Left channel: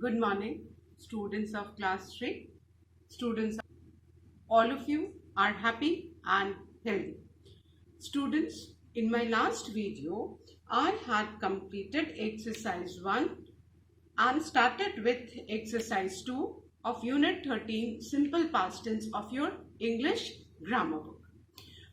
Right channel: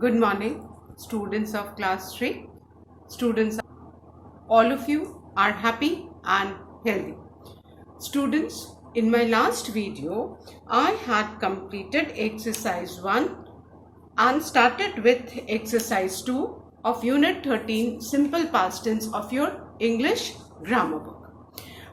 Good morning, students of class 3. Students, all of you are happy and healthy. Students, in my last video, I had completed exercise 1 and started with exercise 2 of unit 13, simple past tense of your English grammar book.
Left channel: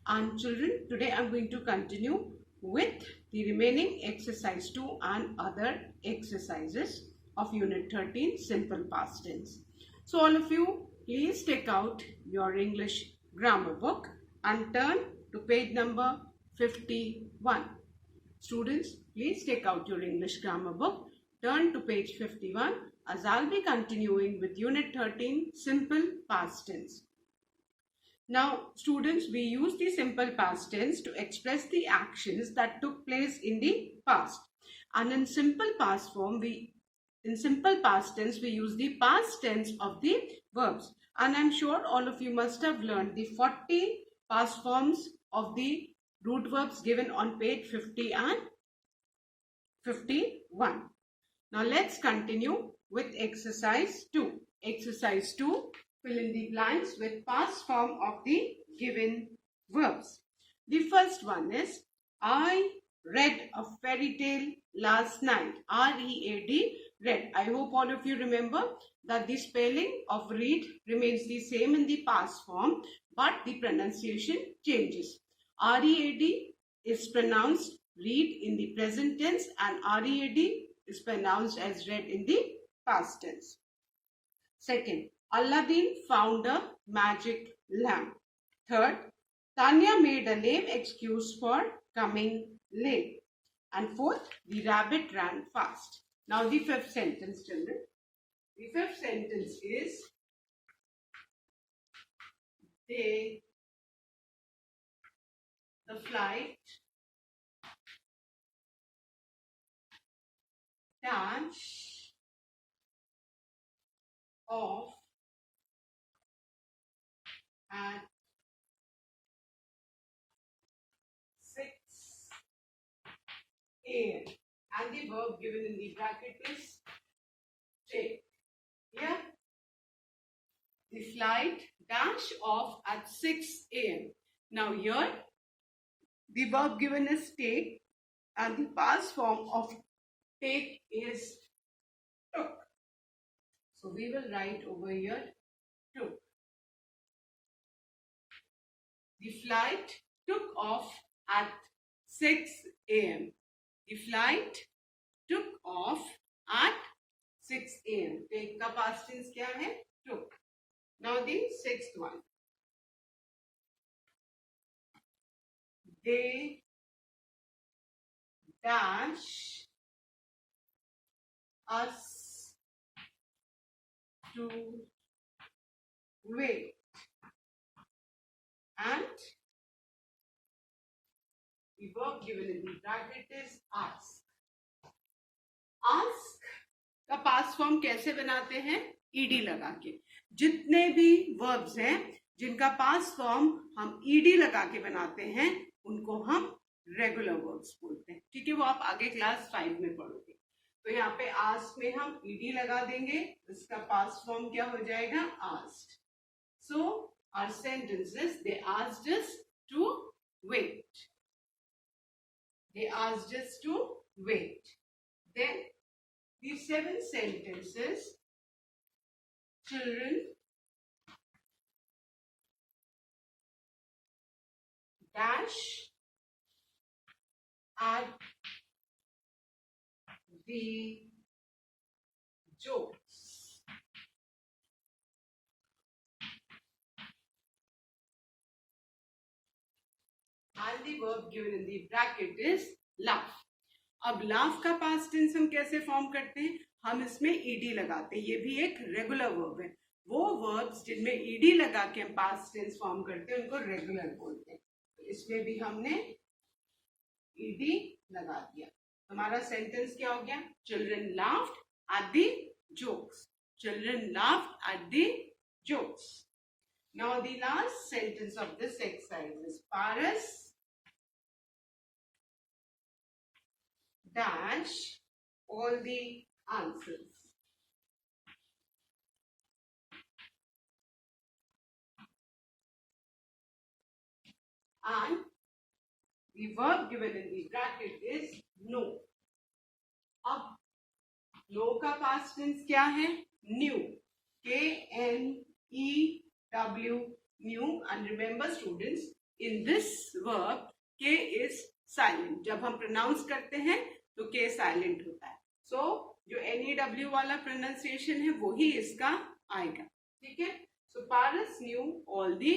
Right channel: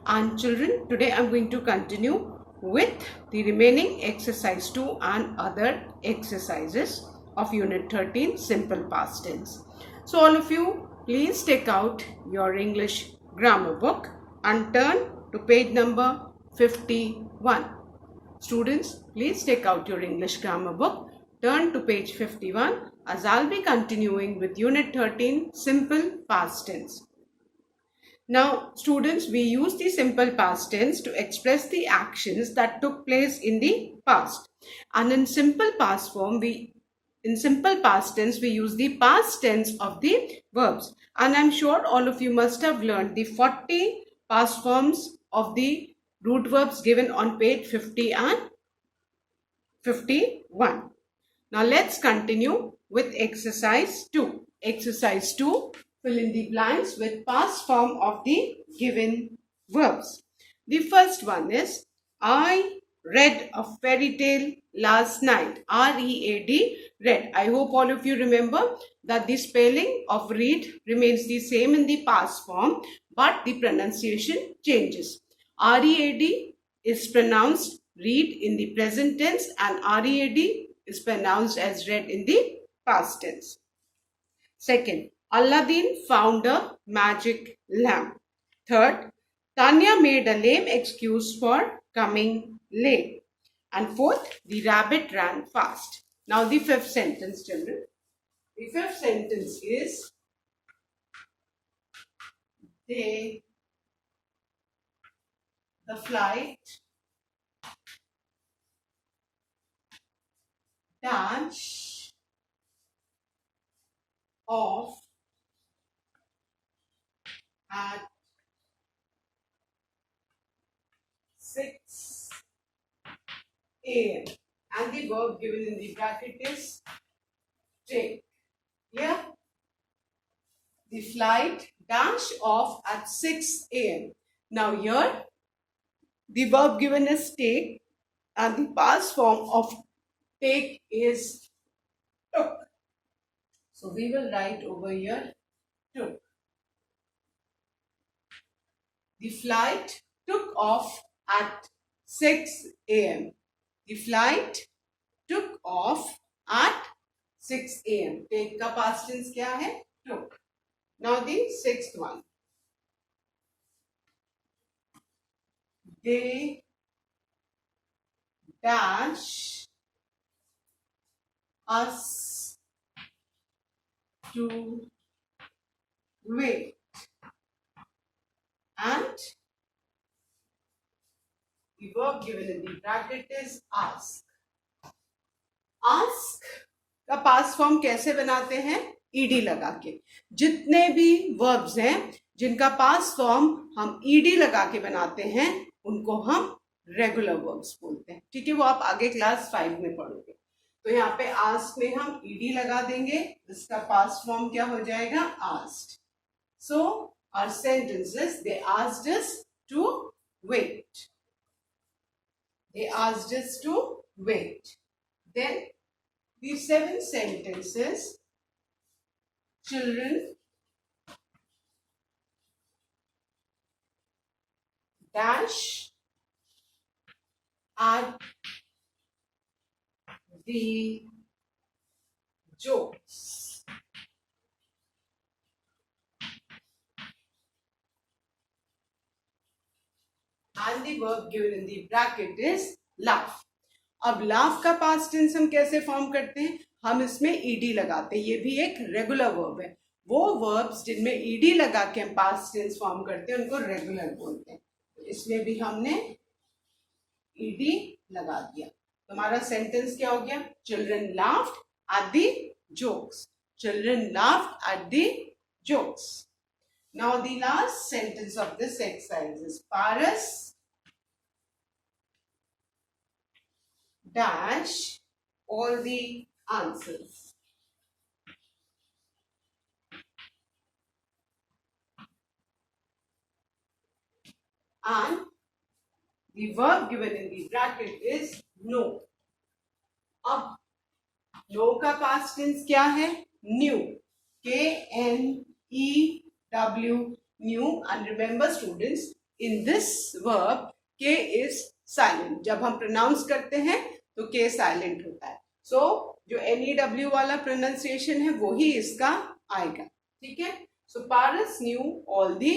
And children, today I am going to continue with the remaining exercise 2 and other exercises of unit 13, simple past tense. So all of you, please take out your English grammar book and turn to page number 51. Students, please take out your English grammar book, turn to page 51 as I'll be continuing with unit 13, simple past tense. Now, students, we use the simple past tense to express the actions that took place in the past. And in simple past tense, we use the past tense of the verbs. And I'm sure all of you must have learned the 40 past forms of the root verbs given on page 50 and 51. Now, let's continue with exercise 2. Exercise 2. Fill in the blanks with past form of the given verbs. The first one is I read a fairy tale last night. R-E-A-D, read. I hope all of you remember that the spelling of read remains the same in the past form, but the pronunciation changes. R-E-A-D is pronounced read in the present tense and R-E-A-D is pronounced as read in the past tense. Second, Aladdin found a magic lamp. Third, Tanya made a lame excuse for coming late. And fourth, the rabbit ran fast. Now the fifth sentence, children. The fifth sentence is the flight dash off at 6 a.m. and the verb given in the bracket is take. Yeah, the flight dash off at 6 a.m. Now here the verb given is take and the past form of take is took. So we will write over here took. The flight took off at 6 a.m. The flight took off at 6 a.m. Take का past tense क्या है? Took. Now the sixth one. They dash us to wait. And the verb given in the bracket is ask. Ask का past form कैसे बनाते हैं? ईडी लगा के. जितने भी वर्ब्स हैं जिनका पास्ट फॉर्म हम ईडी लगा के बनाते हैं उनको हम रेगुलर वर्ब्स बोलते हैं. ठीक है, वो आप आगे क्लास 5 में पढ़ोगे. तो यहाँ पे आस्क में हम ईडी लगा देंगे. इसका पास्ट फॉर्म क्या हो जाएगा? आस्क्ड. सो our sentences, they asked us to wait. They asked us to wait. Then the 7 sentences, children dash at the jokes. And the verb given in the bracket is laugh. अब laugh का past tense हम कैसे फॉर्म करते हैं? हम इसमें ed लगाते हैं. ये भी एक रेगुलर वर्ब है. वो वर्ब्स जिनमें ed लगा के हम past tense फॉर्म करते हैं उनको रेगुलर बोलते हैं. तो इसमें भी हमने ed लगा दिया. तो हमारा सेंटेंस क्या हो गया? Children laughed at the jokes. Children laughed at the jokes. Now the last sentence of this exercise is Paras dash all the answers. and the verb given in the bracket is know. अब know का past tense क्या है? Knew. K-N-E-W, knew. And remember students, in this verb K is silent. जब हम pronounce करते हैं तो K silent होता है. So जो N-E-W वाला pronunciation है वो ही इसका आएगा. ठीक है? So Paras knew all the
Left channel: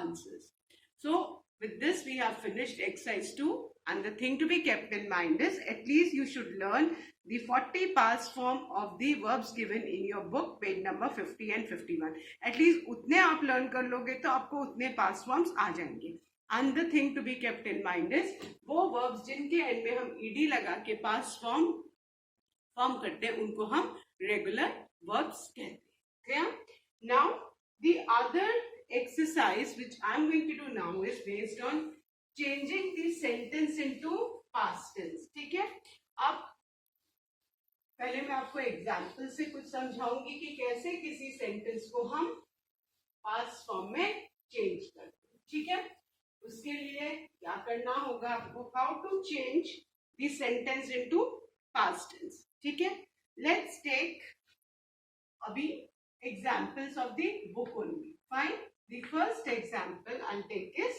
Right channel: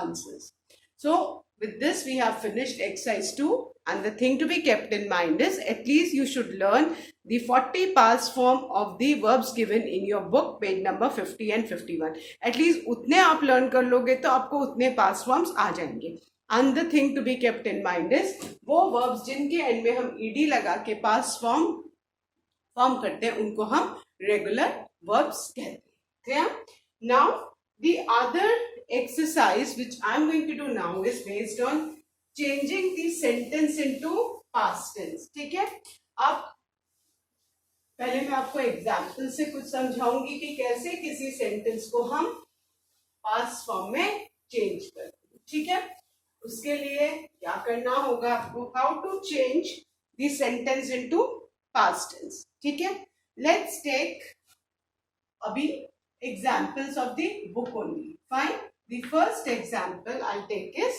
answers. So with this we have finished exercise 2, and the thing to be kept in mind is at least you should learn the 40 past form of the verbs given in your book, page number 50 and 51. At least उतने आप learn कर लोगे तो आपको उतने past forms आ जाएंगे. And the thing to be kept in mind is वो verbs जिनके end में हम ed लगा के past form करते हैं उनको हम regular verbs कहते हैं. Now the other exercise which I'm going to do now is based on changing the sentence into past tense. ठीक है? अब पहले मैं आपको एग्जाम्पल से कुछ समझाऊंगी कि कैसे किसी सेंटेंस को हम पास्ट फॉर्म में चेंज करते हैं. ठीक है? उसके लिए क्या करना होगा आपको? How to change the sentence into past tense. ठीक है? लेट्स टेक अभी examples of the book only. Fine. The first example I'll take is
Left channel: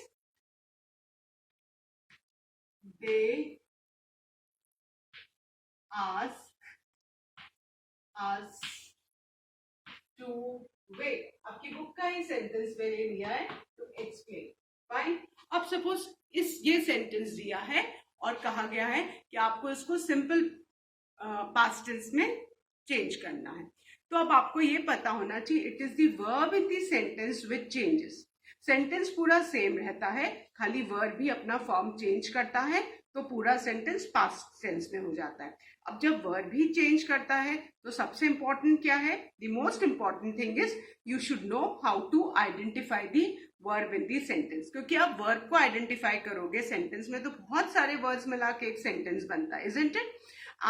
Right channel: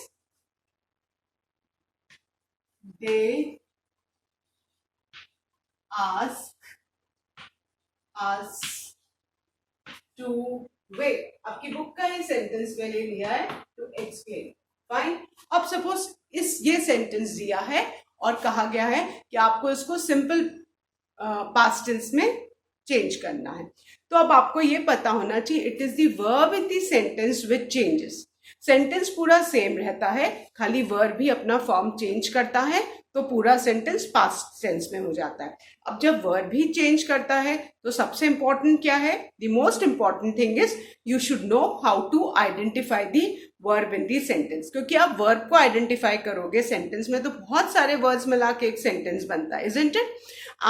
they ask us to wait. आपकी बुक का ही सेंटेंस मैंने लिया है to explain. Fine. अब सपोज ये सेंटेंस दिया है और कहा गया है कि आपको इसको सिंपल पास्ट टेंस में चेंज करना है. तो अब आपको ये पता होना चाहिए it is the verb in the sentence which changes. Sentence पूरा सेम रहता है, खाली वर्ब भी अपना फॉर्म चेंज करता है तो पूरा सेंटेंस पास्ट टेंस में हो जाता है. अब जब वर्ब भी चेंज करता है तो सबसे इंपॉर्टेंट क्या है? The most important thing is you should know how to identify the verb in the sentence. क्योंकि आप वर्ब को आइडेंटिफाई करोगे सेंटेंस में तो बहुत सारे वर्ड्स मिला के एक सेंटेंस बनता है, isn't it?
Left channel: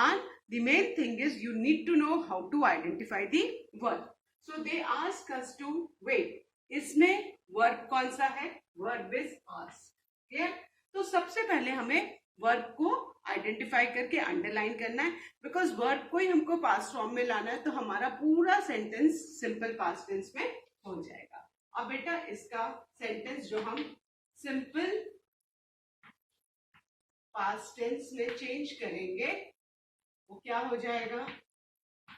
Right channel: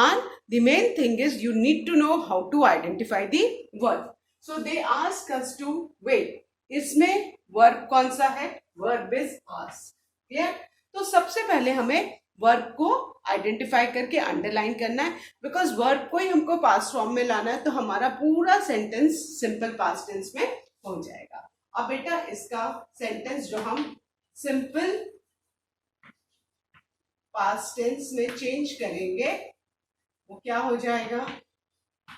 And the main thing is you need to know how to identify the verb. So they ask us to wait. इसमें verb कौन सा है? Verb is ask. Clear? तो सबसे पहले हमें verb को identify करके underline करना है, because verb को ही हमको past form में लाना है तो हमारा पूरा sentence simple past tense में हो जाएगा. अब बेटा इसका sentence जो हम simple past tense में change करेंगे वो क्या हो जाएगा?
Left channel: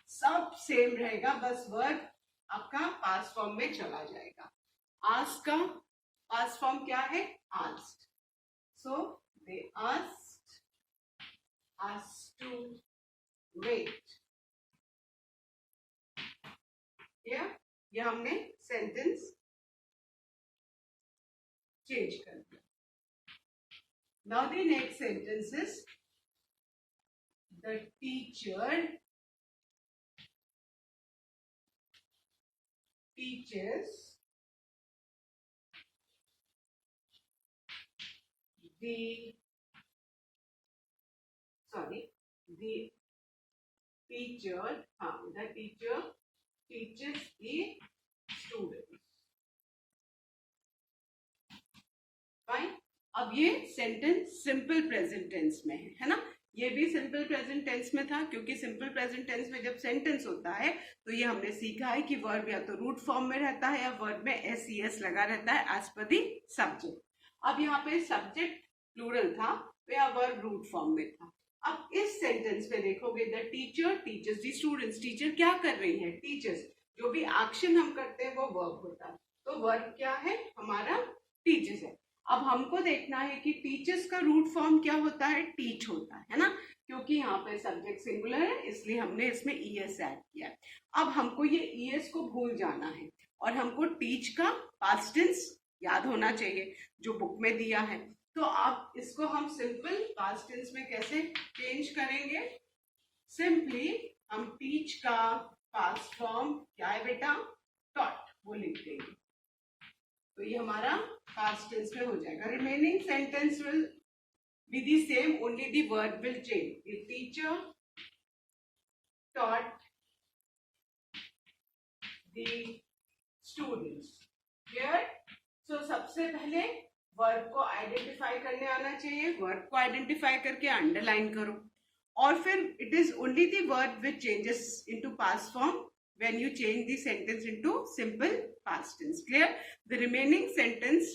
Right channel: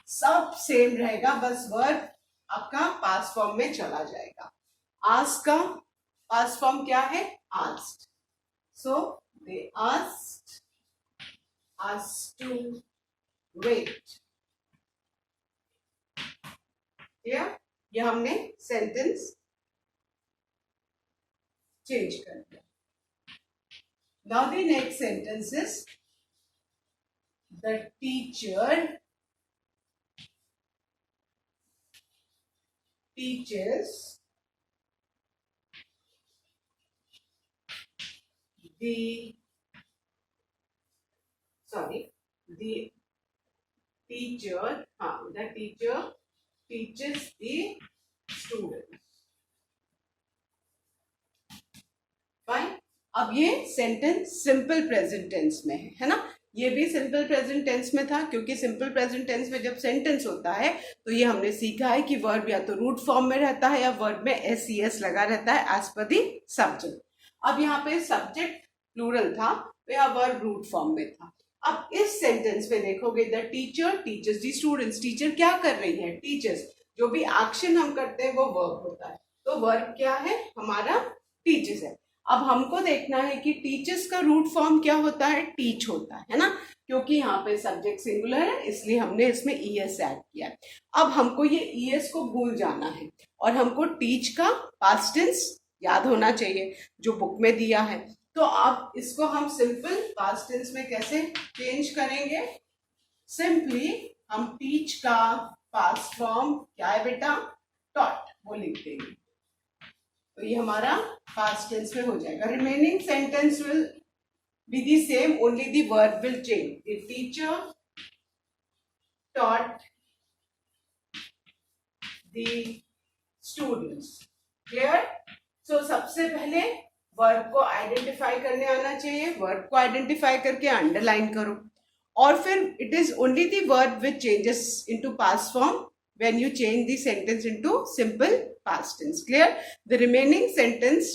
सब सेम रहेगा, बस वर्ब आपका पास्ट फॉर्म में चला जाएगा. आस्क का पास्ट फॉर्म क्या है? Asked. So they asked us to wait. ये हमने सेंटेंस चेंज कर दिया. Now the next sentence is the teacher teaches the teacher teaches the students. Fine. अब ये सेंटेंस सिंपल प्रेजेंट टेंस में है ना? ये भी सिंपल प्रेजेंट टेंस में था क्योंकि सिंपल प्रेजेंट टेंस में जब सेंटेंस होता है तो ये हमने सीखा है कि वर्ब या तो रूट फॉर्म में रहता है या वर्ब में एस लगा रहता है एज पर दी सब्जेक्ट. अब यहाँ पे सब्जेक्ट प्लूरल था तो यहाँ वर्ब रूट फॉर्म में था. अब इस सेंटेंस में देखोगे the teacher teachers the students. Teacher क्या कर रही है? टीचर्स. जो भी एक्शन हम करते हैं वो वर्ब होता है, तो वर्ब क्या है? हमारा टीचर्स है. अब हमको देखना है कि टीचर्स का रूट फॉर्म क्या होता है? टीच होता है ना? क्योंकि यहाँ पे सब्जेक्ट सिंगुलर है इसलिए हमने इसमें ईएस ऐड किया. अब हमको ये ईएस को भूल जाना है और हमको टीच का पास्ट टेंस याद होना चाहिए जो बुक में दिया है. तो अब इसको हम सिंपल पास्ट टेंस में कैसे चेंज करेंगे? सिंपली हम टीच का पास्ट फॉर्म क्या है बेटा? टॉट, वो लिख देंगे तो ये हमारा पास्ट टेंस में हो जाएगा. Remaining sentence will be the same, only the verb will change. The teacher taught the students. Clear? So सबसे पहले वर्ब को आइडेंटिफाई करने आना चाहिए, वर्ब को आइडेंटिफाई करके अंडरलाइन करो, और फिर it is only the verb which changes into past form when you change the sentence into simple past tense. Clear? The remaining sentence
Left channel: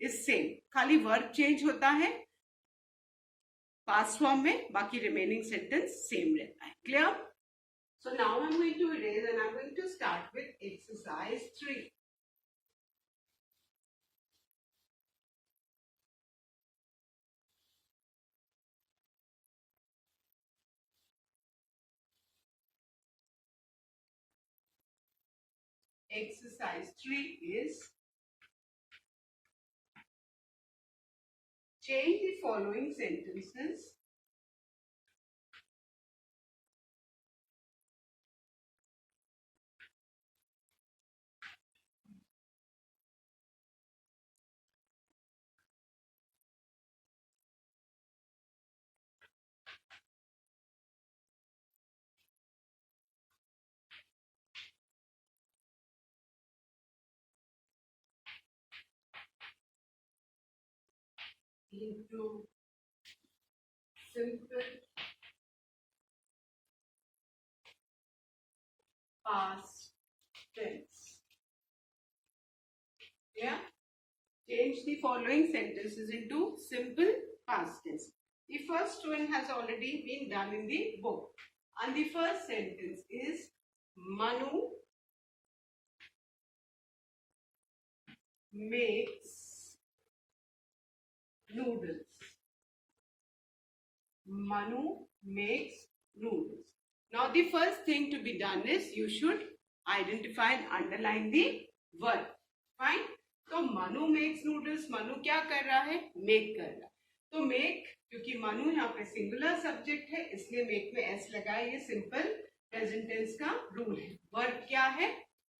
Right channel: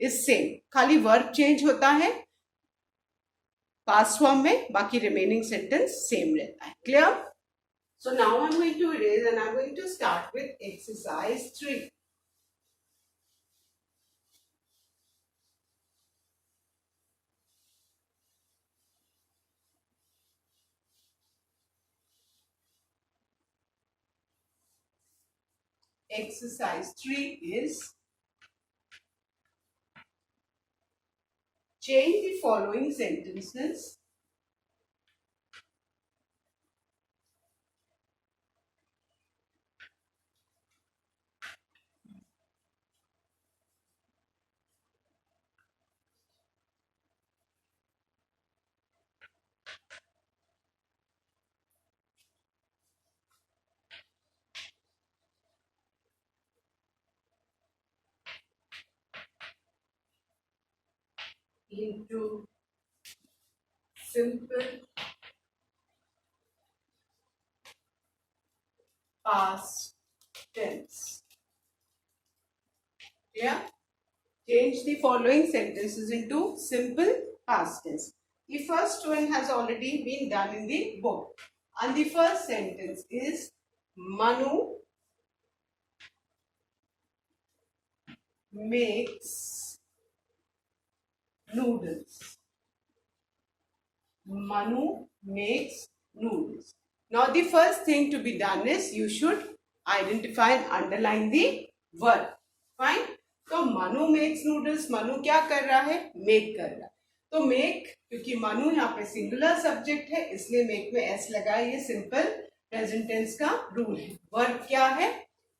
is same, खाली verb change होता है past form में, बाकी remaining sentence same रहता है. Clear? So now I'm going to erase and I'm going to start with exercise 3. Exercise 3 is change the following sentences into simple past tense. Yeah? Change the following sentences into simple past tense. The first one has already been done in the book. And the first sentence is Manu makes noodles. Manu makes noodles. Now the first thing to be done is you should identify and underline the verb. Fine. तो Manu makes noodles, Manu क्या कर रहा है, मेक कर रहा है. तो मेक, क्योंकि मनु यहाँ पे सिंगुलर सब्जेक्ट है इसलिए मेक में एस लगा. ये सिंपल प्रेजेंट टेंस का रूल है. वर्ब क्या है,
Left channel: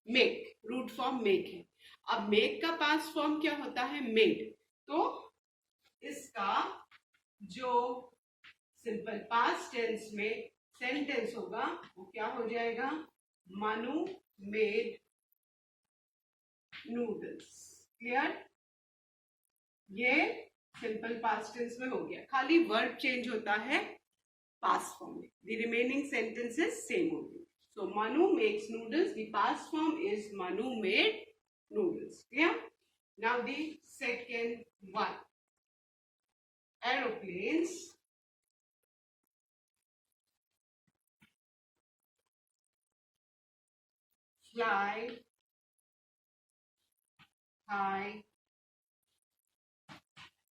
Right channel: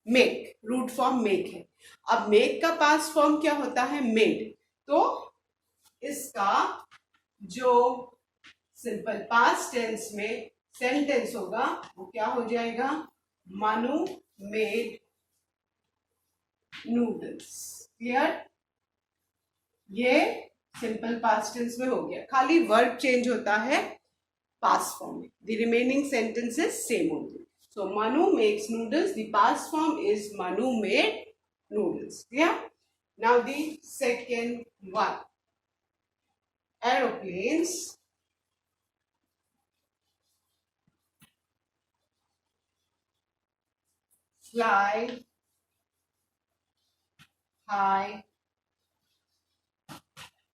मेक, रूट फॉर्म मेक है. अब मेक का पास्ट फॉर्म क्या होता है, मेड. तो इसका जो सिंपल पास्ट टेंस में सेंटेंस होगा वो क्या हो जाएगा, मनु मेड नूडल्स. क्लियर? ये सिंपल पास्ट टेंस में हो गया, खाली वर्ब चेंज होता है पास्ट फॉर्म में. द रिमेनिंग सेंटेंसेस सेम होंगे. So Manu makes noodles, the past form is Manu made noodles. Yeah. Now the second one, aeroplanes fly high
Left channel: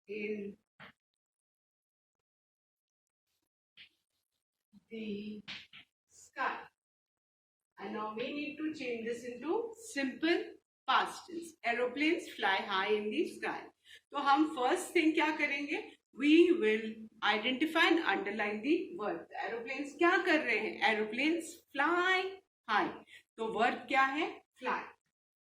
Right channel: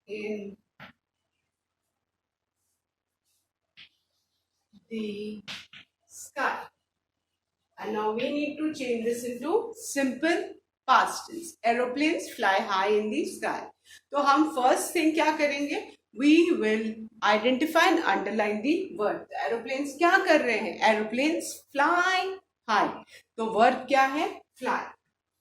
in the sky. And now we need to change this into simple past tense. Aeroplanes fly high in the sky. तो हम first thing क्या करेंगे, we will identify and underline the verb. Aeroplanes क्या कर रहे हैं, aeroplanes fly high. तो verb क्या है, fly.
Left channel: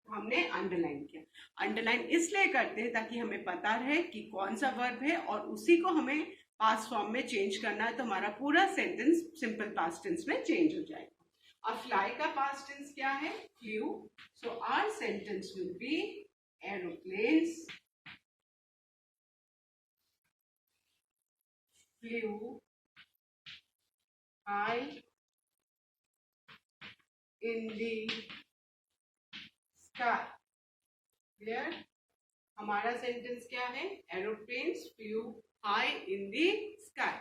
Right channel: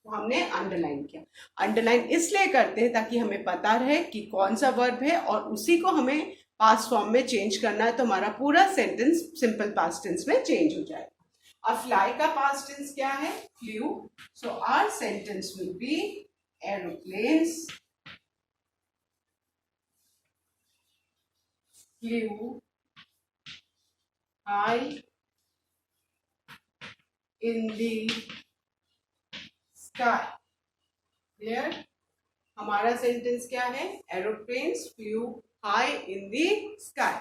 तो हमने अंडरलाइन किया. अंडरलाइन इसलिए करते हैं ताकि हमें पता रहे कि कौन सा वर्ब है और उसी को हमें पास्ट फॉर्म में चेंज करना है, तो हमारा पूरा सेंटेंस सिंपल पास्ट टेंस में चेंज हो जाएगा. अब फ्लाई का पास्ट टेंस क्या है, flew. So our sentence will be aeroplanes flew high in the sky. Clear? हमारा सेंटेंस क्या है, aeroplanes flew high in the sky.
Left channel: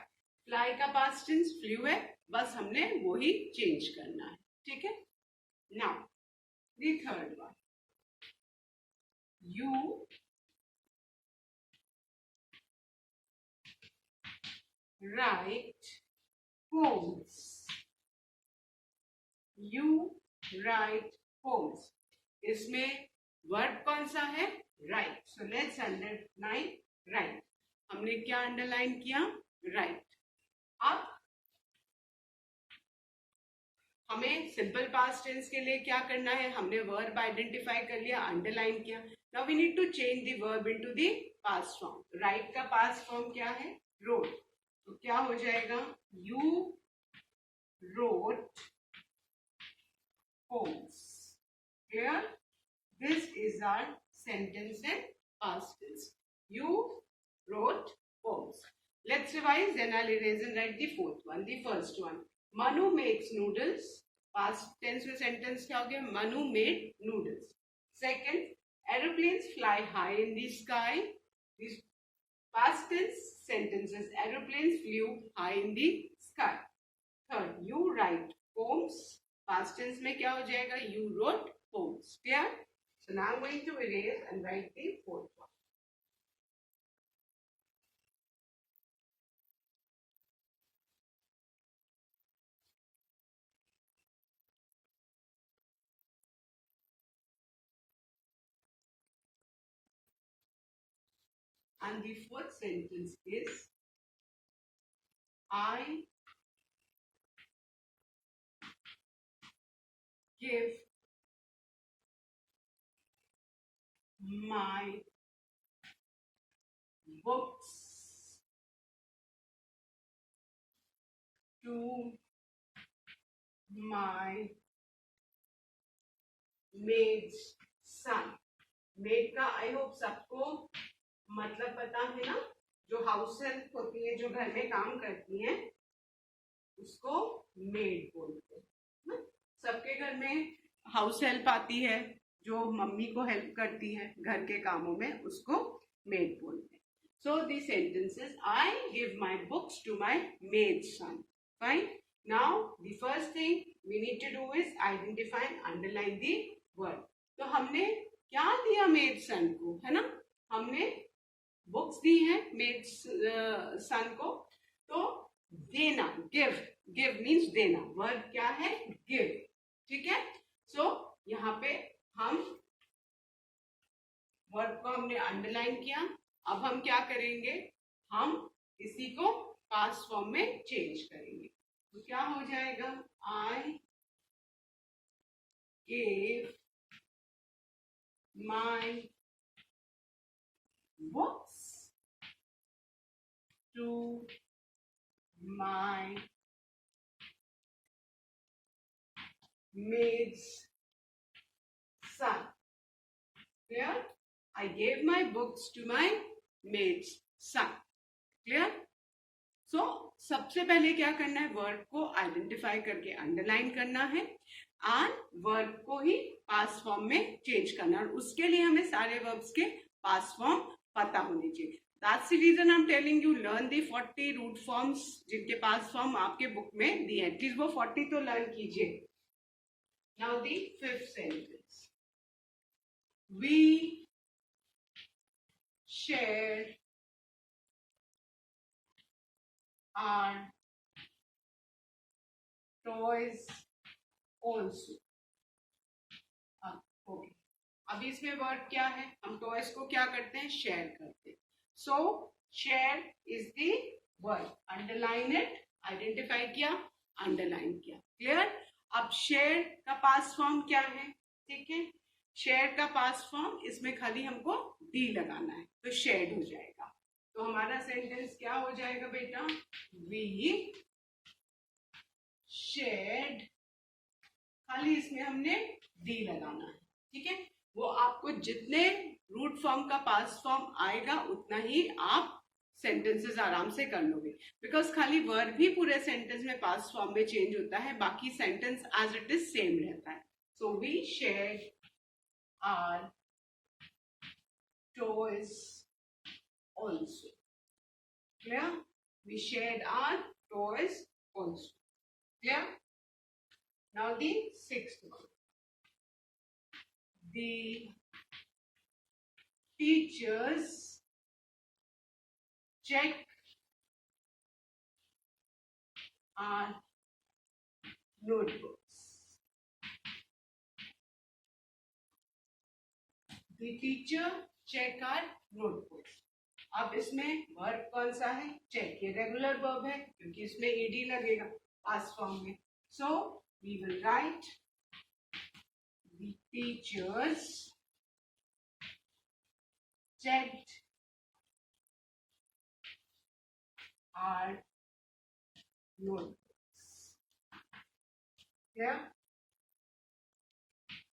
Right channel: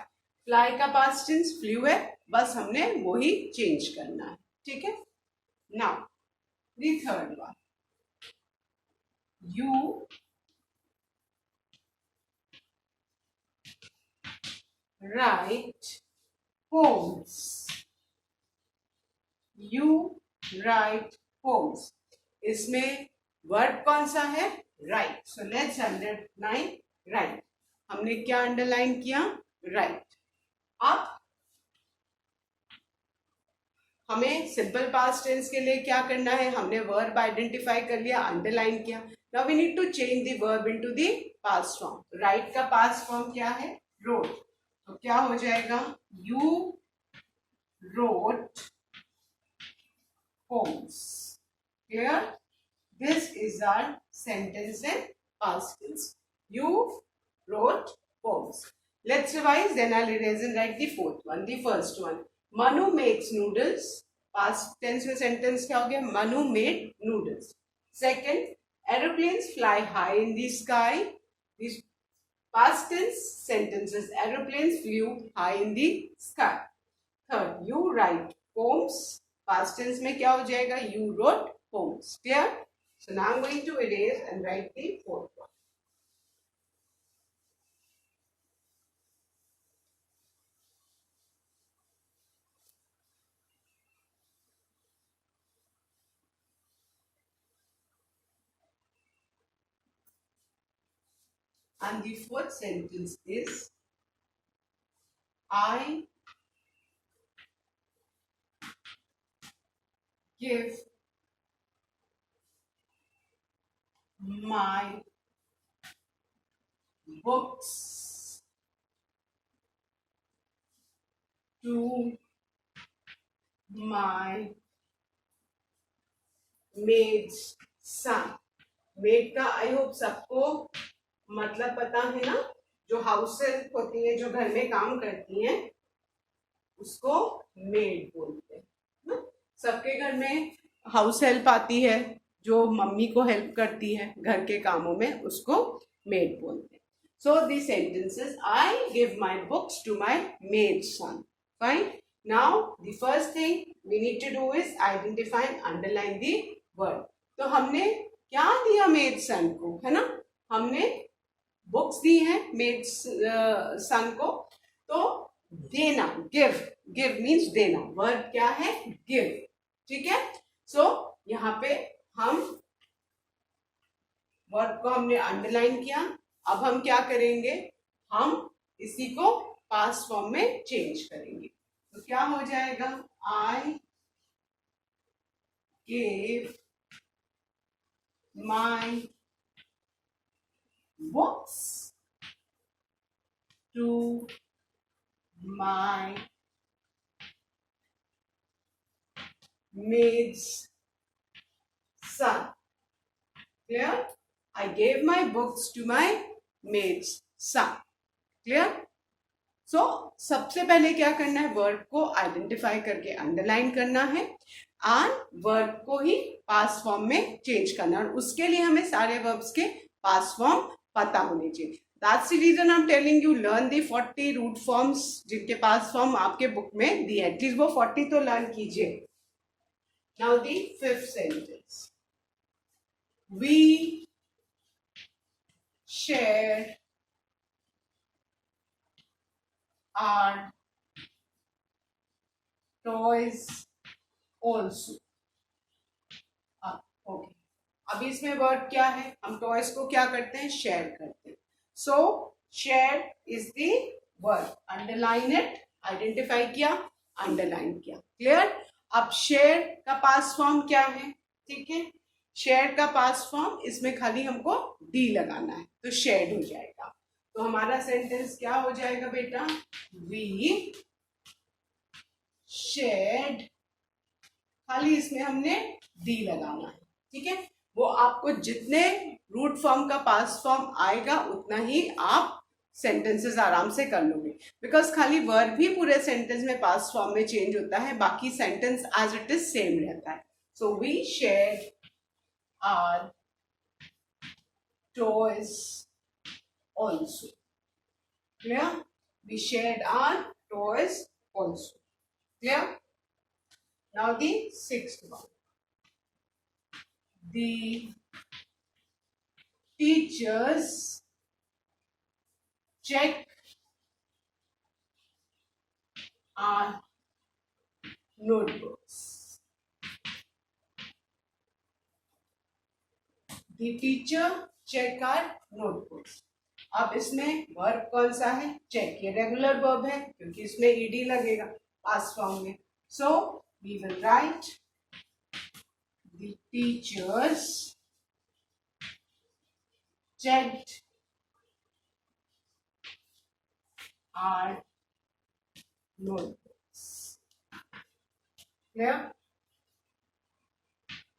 Fly का पास्ट टेंस फ्लू है, बस हमने वही चेंज करना है. ठीक है? Now the third one, you write poems. You write poems. इसमें वर्ब कौन सा है, right. So let's underline right. हमने क्या अंडरलाइन किया, राइट. अब हमें सिंपल पास्ट टेंस के लिए क्या करना है, हमने वर्ब आइडेंटिफाई कर लिया, अंडरलाइन किया. Now we need to change the verb into the past form. Write का पास्ट फॉर्म क्या है, रोट. तो क्या हो जाएगा, you wrote poems. Clear? This is our sentence in past tense. You wrote poems. Let's revise, then I'll erase and write the fourth one. The first one. Manu makes noodles. Past tense में sentence क्या हो गया? Manu made noodles. Second, aeroplanes fly high in the sky. These past tense sentences. Aeroplanes flew high in the sky. Third, you write poems. Past tense में क्या हो जाएगा? You wrote poems. Clear? So now I'm going to erase and write the fourth one. And the fourth sentence is, I give my books to my maid's son. Made का I hope सबको मतलब पता है ना, जो house help होती है, जो घर में काम करती हैं, उसको मेड बोलते हैं ना। सबके घर में हाउस हेल्प आती है, जो मम्मी को हेल्प करती है घर के कामों में, उसको मेड बोलते हैं. So the sentences, I give my books to my maid son. Fine. Now the first thing we need to do is identify and underline the word. तो हमने क्या दिया मेड सन को, है ना, हमने बुक्स दी है मेड सन को. तो देना, गिव, गिव मीन्स देना. वर्ड क्या है? गिव. ठीक है. सो यहाँ पे हम वर्ड को हमने अंडरलाइन किया. अब हम क्या करेंगे? हम इसी को पास्ट फॉर्म में चेंज करेंगे. तो क्या हो जाएगा? I give my books to my maid's son. Clear? I gave my books to my maid's son. Clear? So सबसे पहले क्या करना है? वर्ड को आइडेंटिफाई करके अंडरलाइन करना है और वर्ब को ही पास्ट फॉर्म में चेंज करना है. और उसके लिए हमें सारे वर्ब्स के पास्ट फॉर्म पता होने चाहिए. That's the reason I am telling you learn the 40 root forms, जिनके पास्ट फॉर्म आपके बुक में दी है. एटलीस्ट वो 40 तो लर्न कीजिए. Now the fifth sentence, we share our toys also. Okay, अभी इसमें वर्ड क्या है? हम टॉयज को क्या करते हैं? शेयर करते हैं. सो share is the word. Underline it. Identify किया, अंडरलाइन किया. क्लियर? अब शेयर का पास्ट फॉर्म क्या है? ठीक है, शेयर का पास्ट फॉर्म, इसमें खाली हमको डी लगाना है तो शेयर्ड हो जाएगा. तो हमारा सेंटेंस क्या हो जाएगा बेटा? वी शेयर्ड, खाली इसमें हमने डी लगाना है. ठीक है. वो आपको जितने रूट फॉर्म का पास्ट फॉर्म आएगा उतना ही आप सेंटेंसेस आराम से कर लोगे, बिकॉज खाली वर्ब भी पूरे सेंटेंस में पास्ट फॉर्म में चेंज होता है, बाकी sentence as it is same रहता है. So we share our toys also. Clear? We share our toys also. Clear? Now the sixth one. The teachers check our notebooks. The teacher check our notebooks. अब इसमें verb कौन सा है? चेक. ये regular verb है क्योंकि इसमें ईडी लगेगा पास्ट फॉर्म में. So we will write the teachers checked our notebooks. Clear?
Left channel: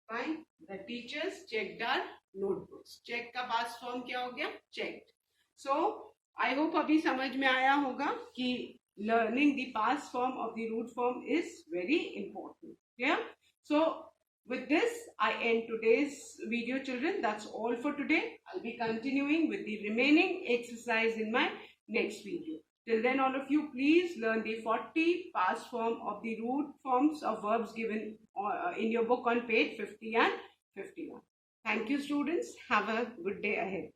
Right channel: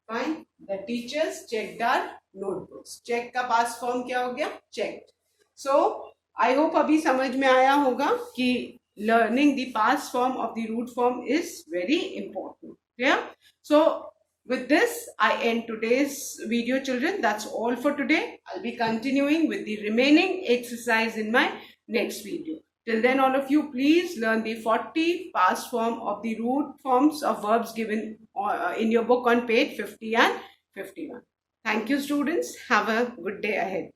Fine. The teachers checked our notebooks. check का past form क्या हो गया? checked. So I hope अभी समझ में आया होगा कि learning the past form of the root form is very important. Yeah. So with this, I end today's video, children. That's all for today. I'll be continuing with the remaining exercise in my next video. Till then, all of you, please learn the 40 past form of the root forms of verbs given in your book on page 50 and 51. Thank you, students. Have a good day ahead.